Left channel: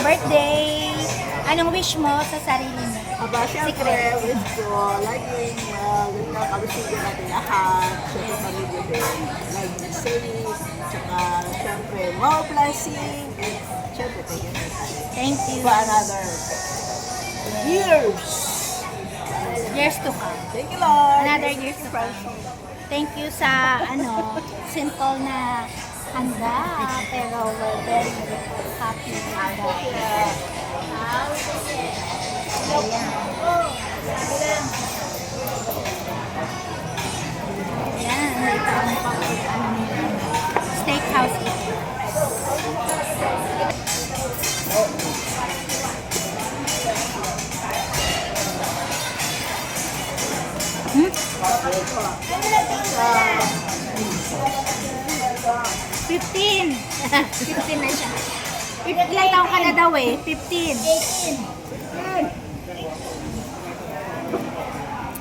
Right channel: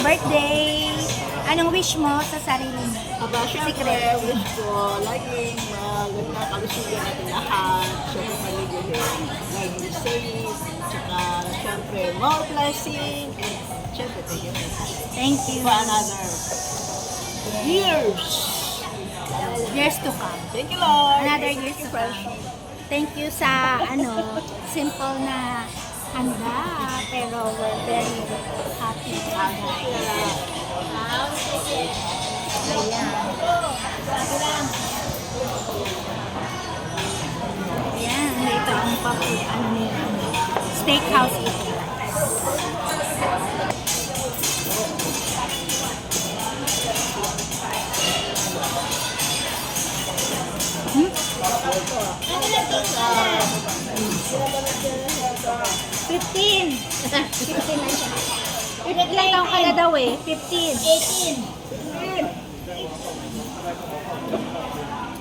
birthday! Anong wish mo sa sarili mo? Aba, syempre, wish ko, laging maganda kalusugan natin lahat. Syempre, pamilya din. Laging safe. Tsaka, syempre, more blessing. And, syempre, thank you for that. Thank you. For another years. Years to come. Thank you, Lord. Another Thank years you, to friends. come. Thank you sa simple na handa, pero we're very happy with that. Ayan. Ayan, ito ang steakhouse ito. Hmm? 15. 15 na siya. Ilang taong ka na daw eh? 15.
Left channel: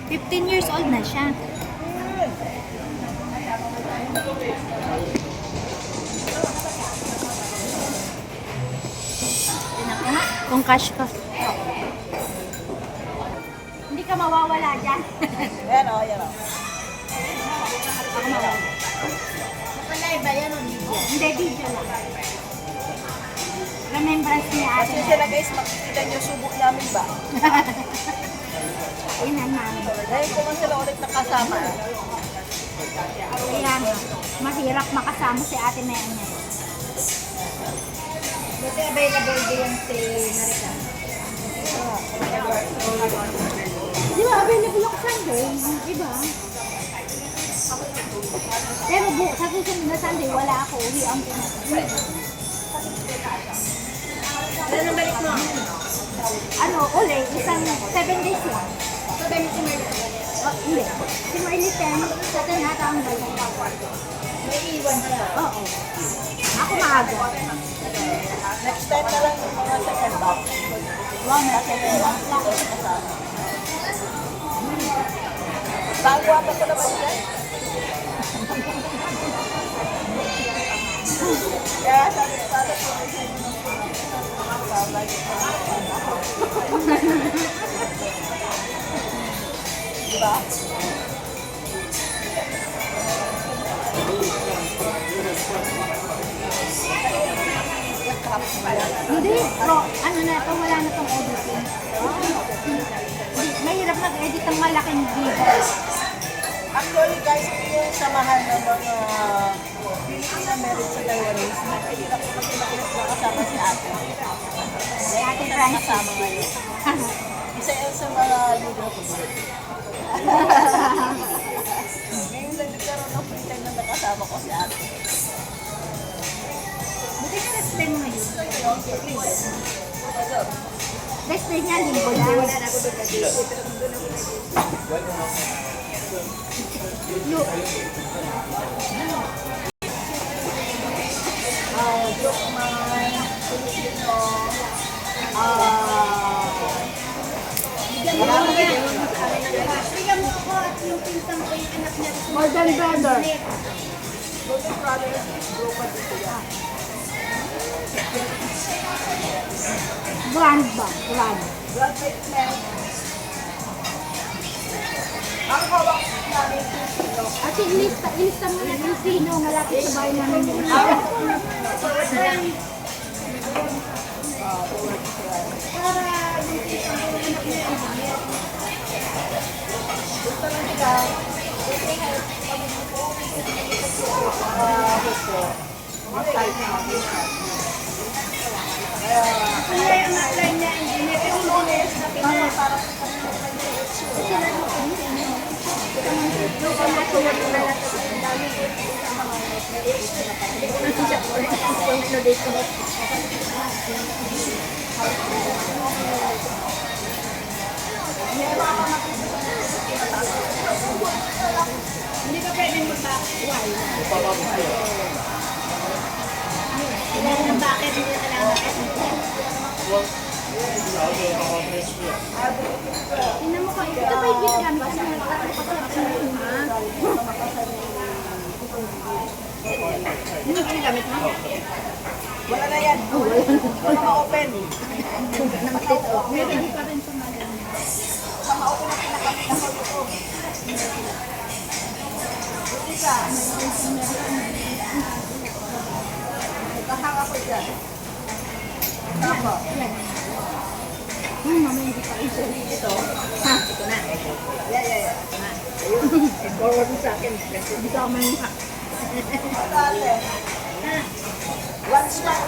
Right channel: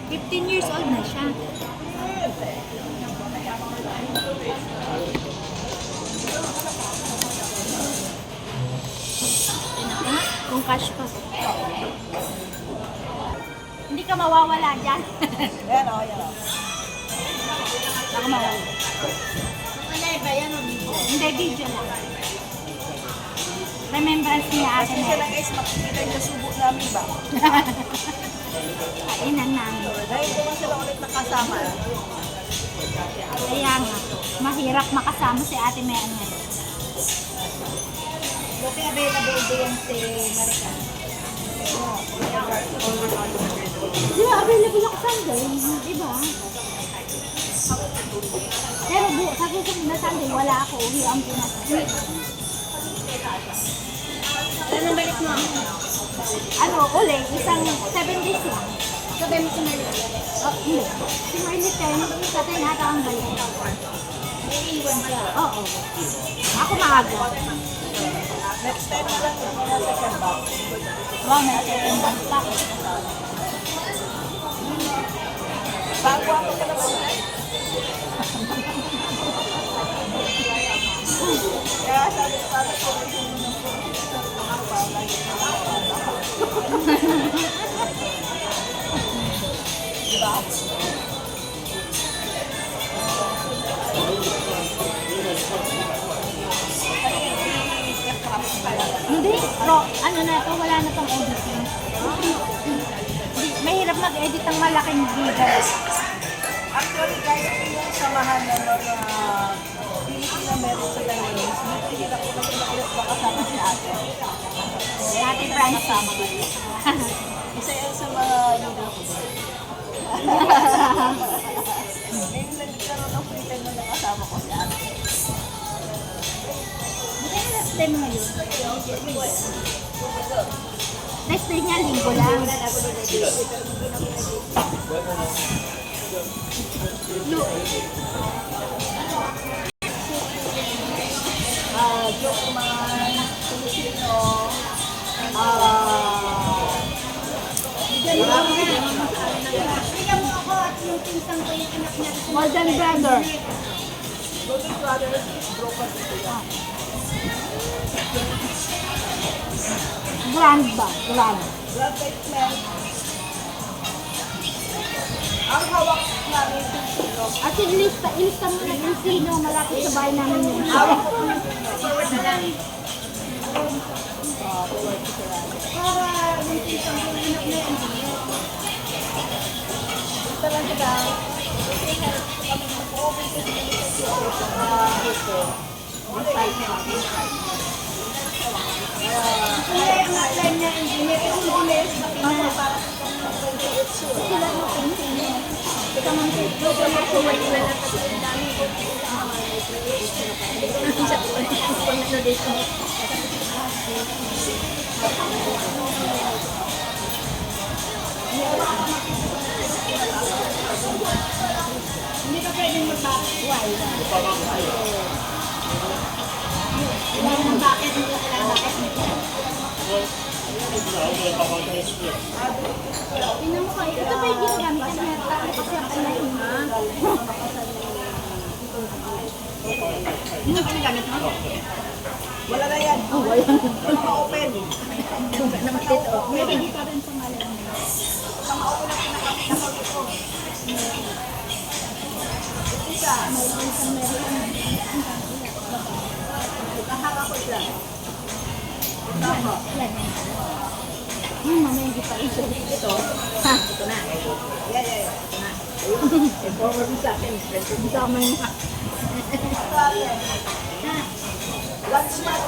15 years old na siya. Kung cash ka. Hindi ka mawawala dyan. Yan o, yan o. Live ba yan o video? Hindi, video lang. Remembrance niya Kasi ate. sila guys, makikita yung subo namin ba? Inan namin. Dahil ko lang sila ulit nakasama. Kaya mahirap makasama si ate Mary. Buti available din yan si Marika. Di ba, available yung Sunday? Di ba? Pero sa susunod na Sunday, wala ako. Uwi ang pinag-uwi. Ano nang balik mo? Ano, uli, isang 7 days lang. Sabi mo si Marley. Hindi. Si Marley 10, sa 10 ata ang balik. May iwan siya. Oo. Ako maaga. Next time na lang yung mga second box. Wow, may 7 months lang. Bago ako pa naman yan. Kaya sabi ko, diba? Hindi, pero ano na ito, wala na itong editing. Mahirap nag-edit ng malaking video. Actually guys, yung samahan ng mga na meron sa Taiwanese, mahirap ko kasi nakulit na kasama sa atin. Ate Francis. Kasama ngayon. Isa yan sa mga libro ko. Ngayon lang nagkaroon ng freedom na nakasama ko sa atin. Buti na last time ngayon. Next day niya, linggo lang. Joke man, Filipino, Kaya mo ako at yung pinsang ko yung anak natin. Morgan Brother. Golden Brothers, bro pa dito yan. Grand ba? Grand. Blood treatment. Ang hawak namin dito. At ilista mo na yung sino malapit sa bahay namin yun. Para yung pinsang ko yung anak na yun. Gusto lang sila. Kaya yung outline na engineer, pero engineers na para hindi ka pwedeng mag-back-wall. Kailangan ng bucket, hindi na kailangan bucket. Tingnan mo kung ito ba yung ginagamit sa mga Yun ang ginagamit mo? Wala na yan. Wala na open. Pwede pa rin sa Manila. Mga open na pinakakita ko dito. Isa. Kahanga ko dyan. Tama. Mamaya hindi pa rin. Ito. Ito na. Yan. Ito na. I-forward mo sa akin. Hindi ka maniha. One smart.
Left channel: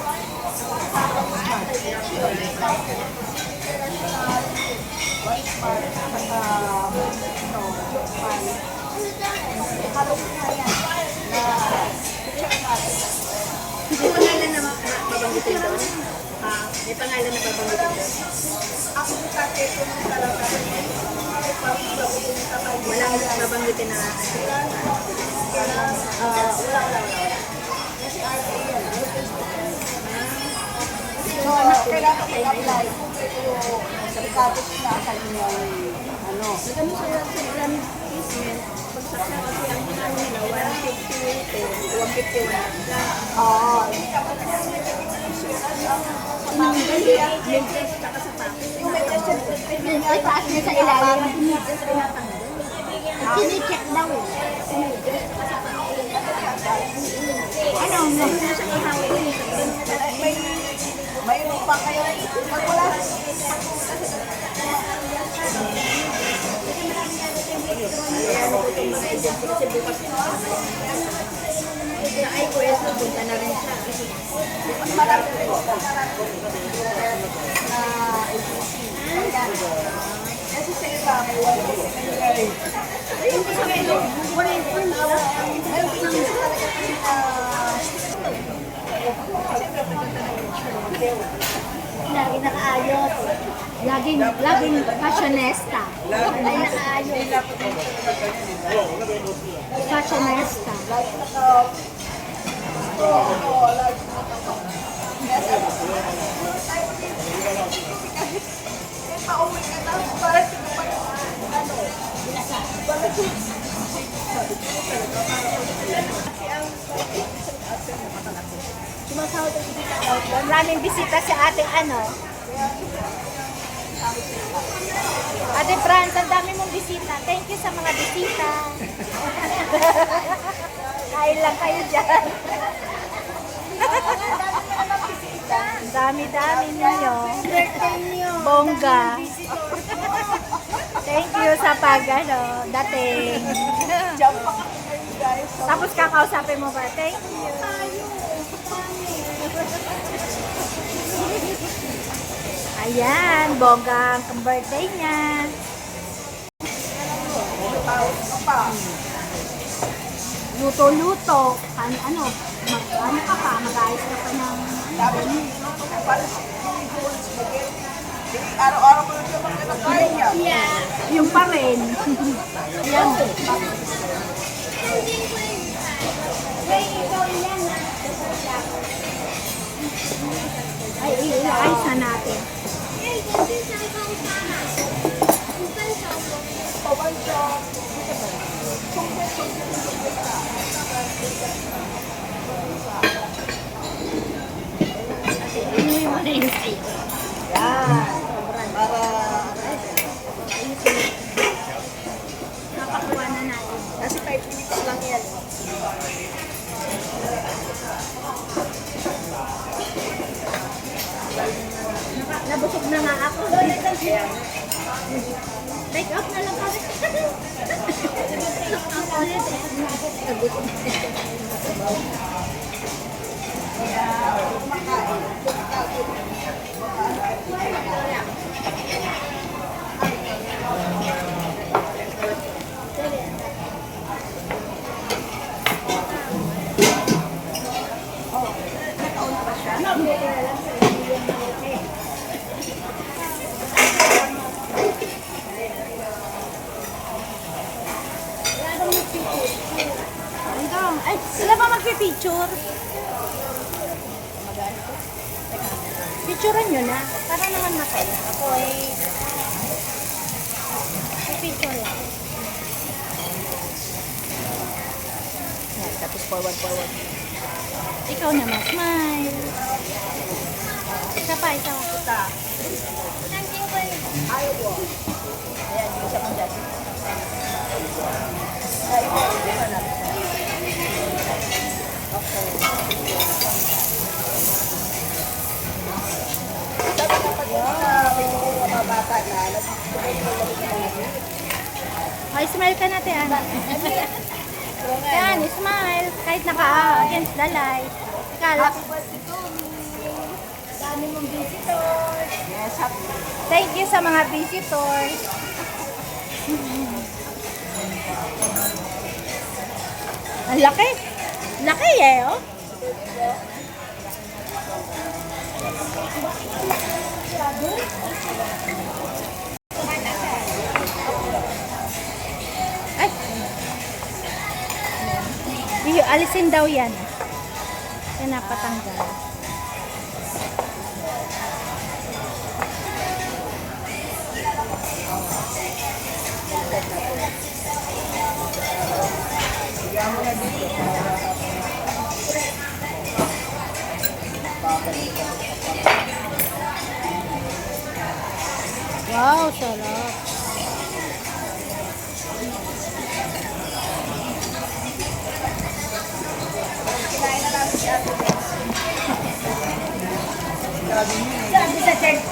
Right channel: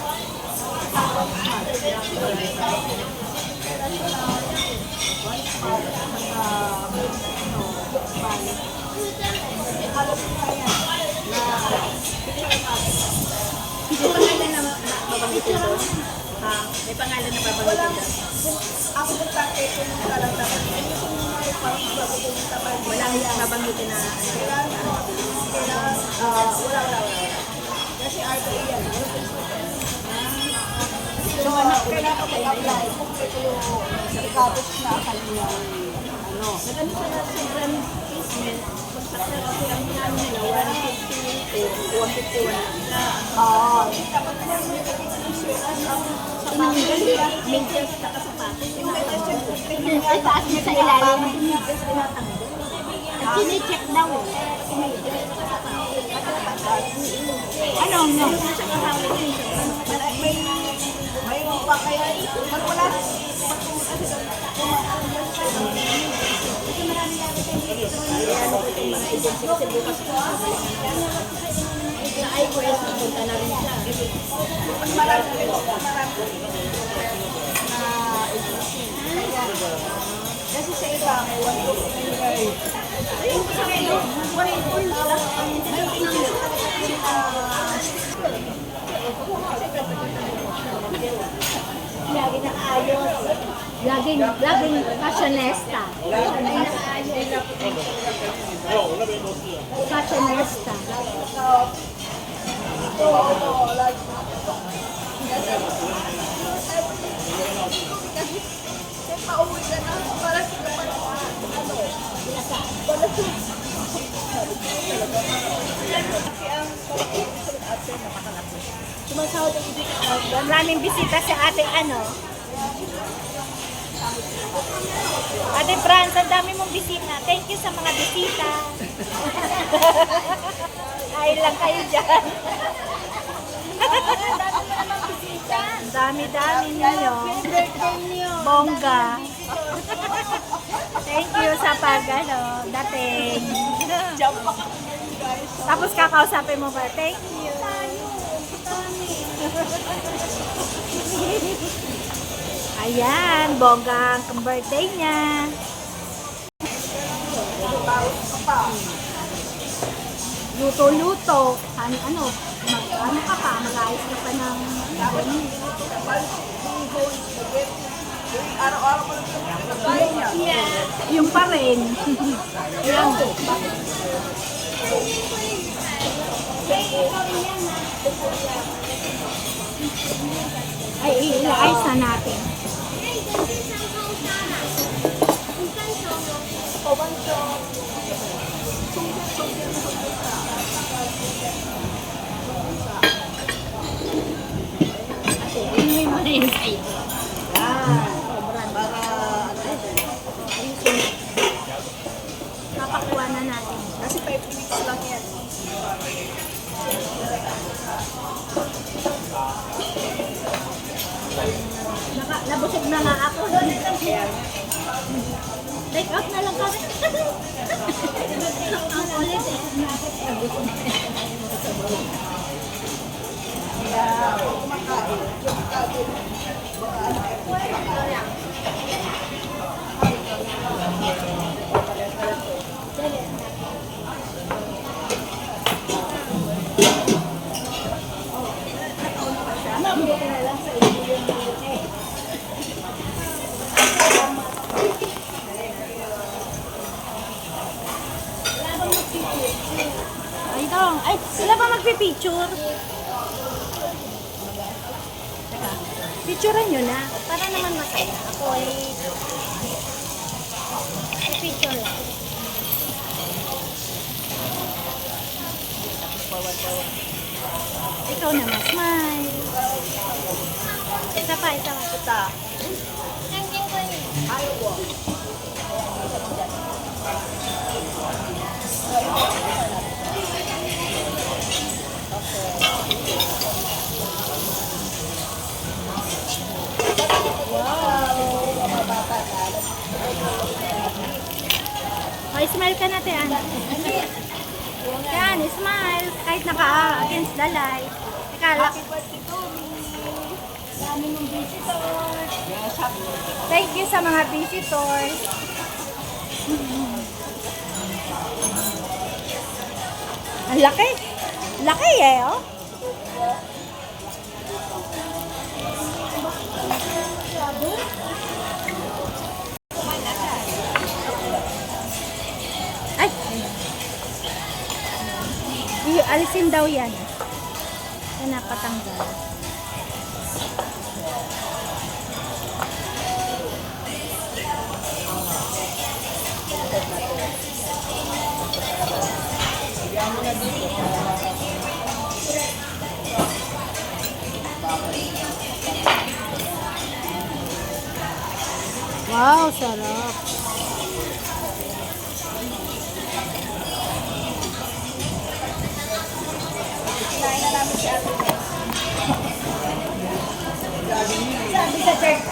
May pangalan na babanggitin doon? Ha? May pangalan na babanggitin doon? Ako sa ito ng talaga. Wala na babanggitin na. Wala. Kasi arte yan. So, kailangan i-apply kung ito merkados na kanyang ano. Nagano sa brand placement, pagsakla kasi ang ano nila, 150, 150. Tinanggal nila, maintenance na kasapatos. Ay, taas niya sa ilalim. Sine-check daw. Ano, meron na sa kahawin niya. Mayroon pa kaya pag wala Ay, pwede punta na rin siya. kasi sa iba may wala Lagi nakaayos. Laging fashionista. Fashionista. sumasahod ang hindi Maraming bisita si ate ano. Ate Franz, ang dami mong bisita. Thank you sa mga bisita. Kain lang kayo dyan. Ang dami-dami ninyo. Bongga. Thank you sa dating. jump pa kami ngayon guys. So, Tapos kakausapin mo ba? Thank you. Ayan, bongga ang birthday niya. Luto-luto. Ano ka pa? Mag-ayos ka pa ng araw-araw ko lang niya. yung pa rin. Ayan. Ay, i-ayos na natin. Inuwi mo na yung sa'yo. Yan. Para Napakuha na natin. nasa 5 minutes lang yan. Nabusog na nga ako. Take out na lang kami. Kaya kumakain. Ay, sila ba magpipicture? Teka, picturean nyo na. Para naman masaya. Ako ay pipicture lang. Ikaw naman, smile. Isa pa, isa pa. Ito. Ayaw ko. Ayan, isa pa dyan. Ay, ito natin. Okay. Wow! Mga bata na. Oh, smile ka natin, Ana. Yan, smile. Kahit against the light. Teka, Happy birthday to me! dami mong visitors. Yes, happy Thank you sa mga visitors. Ang laki. Laki eh, oh. Ay. Alisin daw yan. Yan napatanggal. Wow, sarap. Sabi sa church.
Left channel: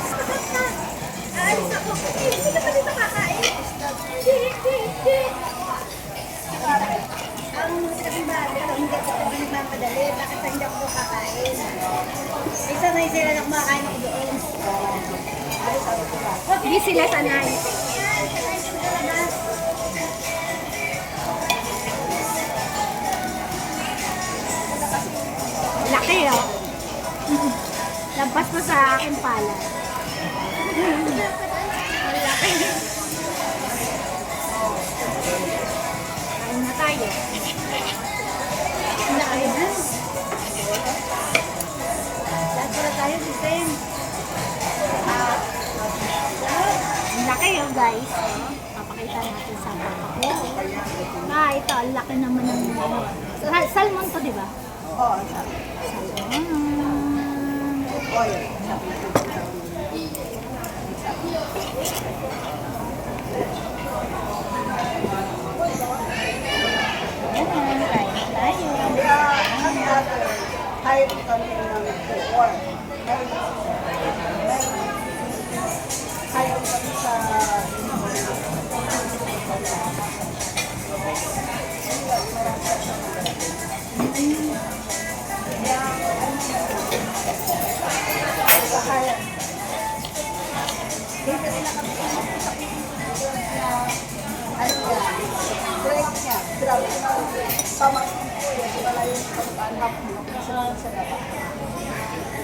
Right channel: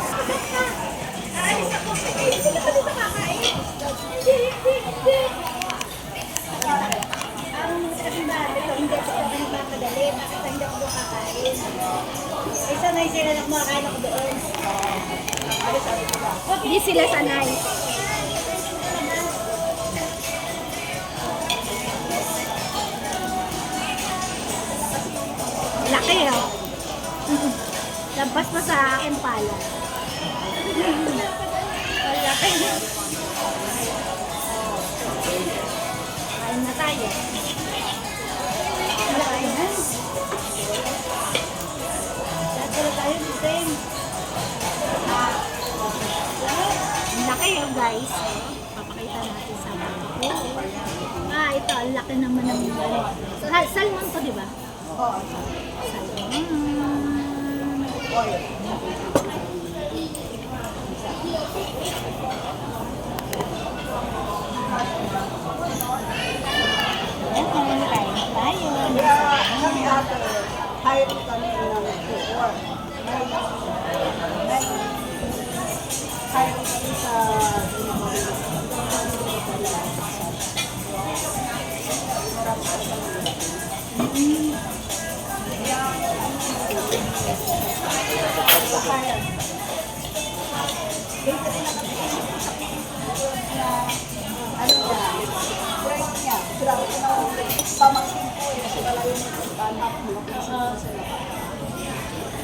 Ay, ako. Hindi ka pa dito kakain. Hindi. Ang sabi ba, hindi ako nagmamadali. Bakit hindi ako kakain? Isa na sila na kumakain ako doon. Hindi sila sanay. Laki oh. Lampas pa sa akin pala. Ang laki. Kain na tayo. Kain na tayo. Lahat pala tayo the same. Ang laki oh guys. Papakita natin sa papa ko. Ito. Ang laki naman ng ano. Salmon to, di ba? Salmon.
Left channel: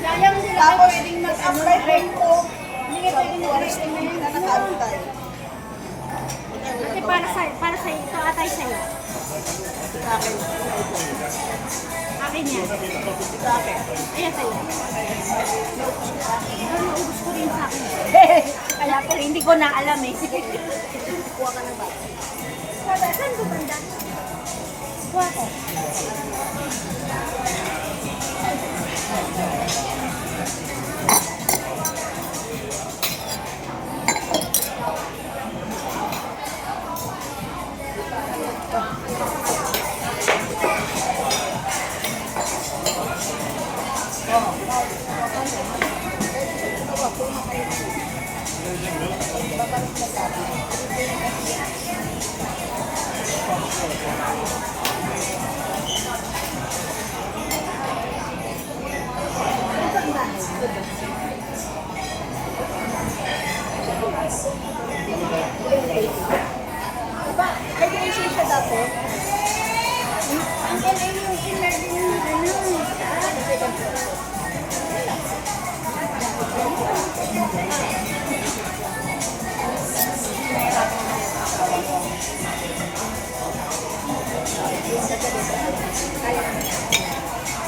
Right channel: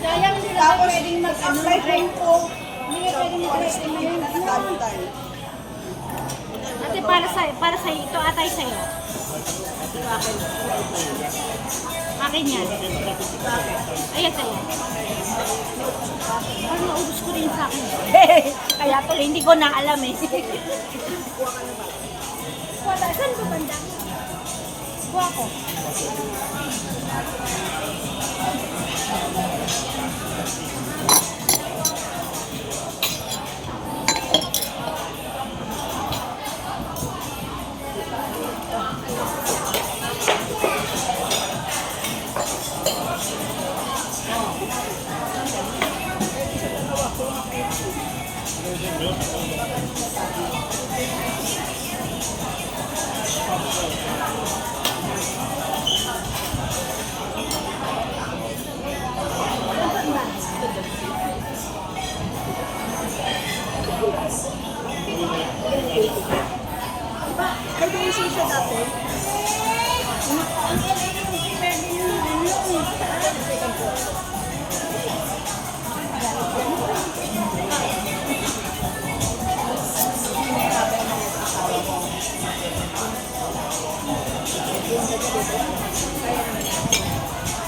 Sayang sila ako pwedeng mag-apply ko. Hindi ka pwedeng mag-apply ngayon. Ate, para sa ito, atay sa'yo. Akin yan. Ayan sa'yo. Ano ubus ko rin sa akin. Kaya pala hindi ko na alam eh. Saan ba banda? Kuha ko.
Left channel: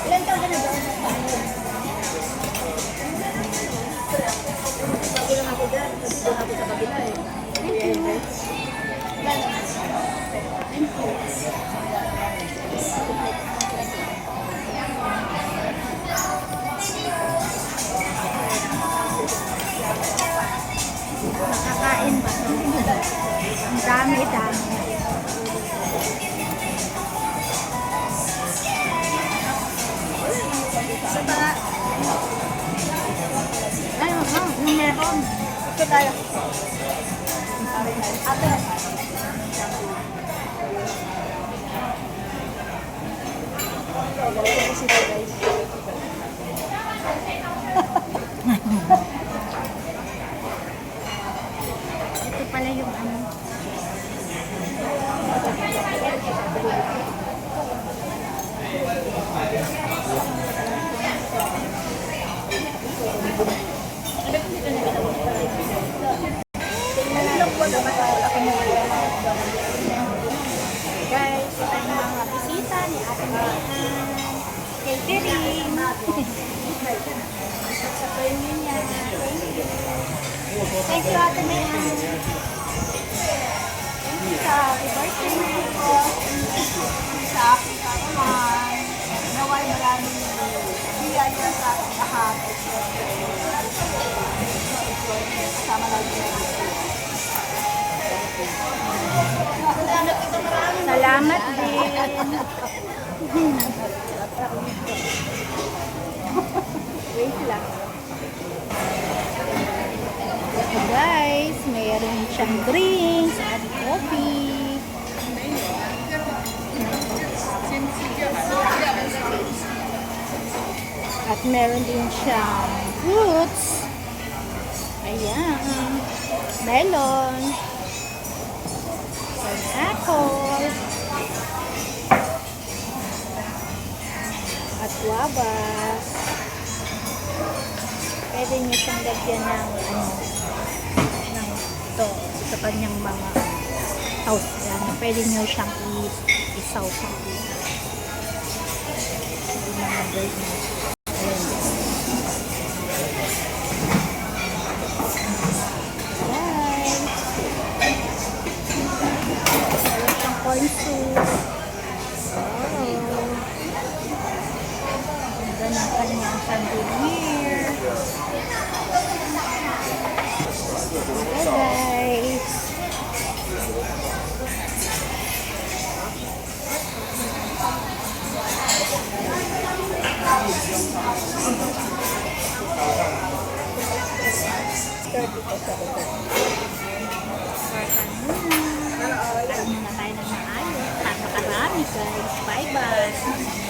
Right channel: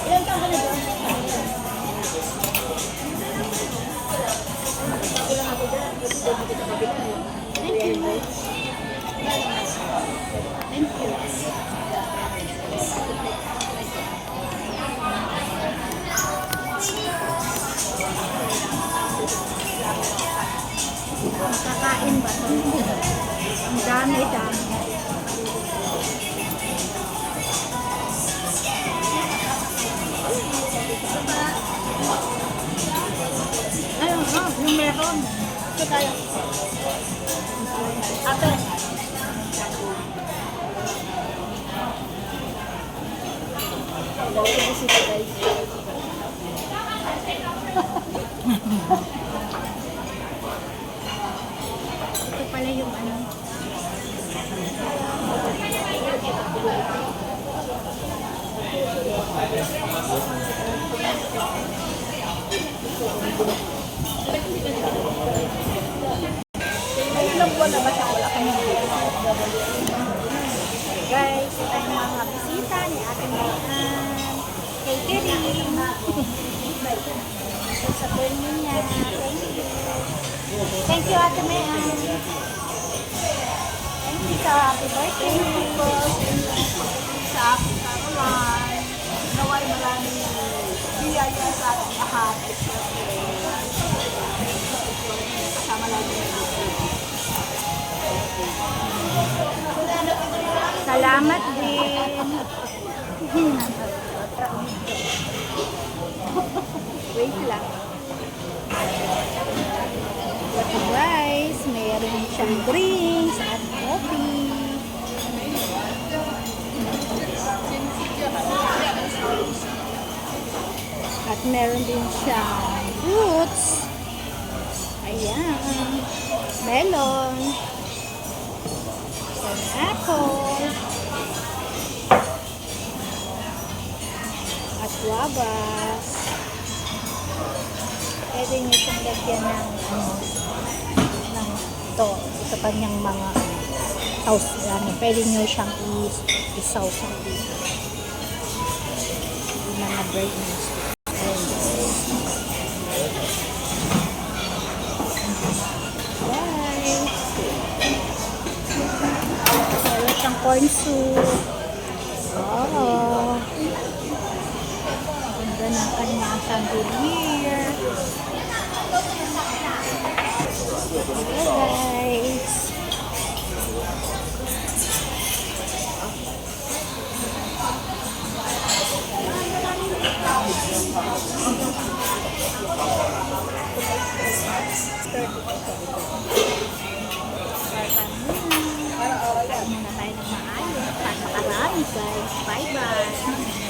Ilan taon ka na doon? Bago lang ako dyan. Kasi doon ako sa kabila eh. Thank you. Dami, dami. Ayun, yung meron. Ito tayo. Ate. Ito pala yung ano. Guys, ito yung mga bisita ni Ate Mayan. Catering. Sa burning niya. Thank you, Ate Mayan. Thank you sa happy birthday po. Sa akin pa naman, naway maraming biyaya sa ating lahat. At syempre, kasama lagi na dito. Salamat din. Wait lang. So guys, mayroon siyang drinks at coffee. At meron din siyang fruits. Ayan. Melon. Pineapple. At guavas. Pwede nyo siyang lagyan ng ng ito kanyang mga house. Pwede nyo siyang isaw sa yung mga bird nest. Ayan. Guys. Meron siyang corn soup. Wow. Ganda ng kanyang chandelier. Hello guys. Kain muna tayo ng maayos para makarami guys. Bye bye.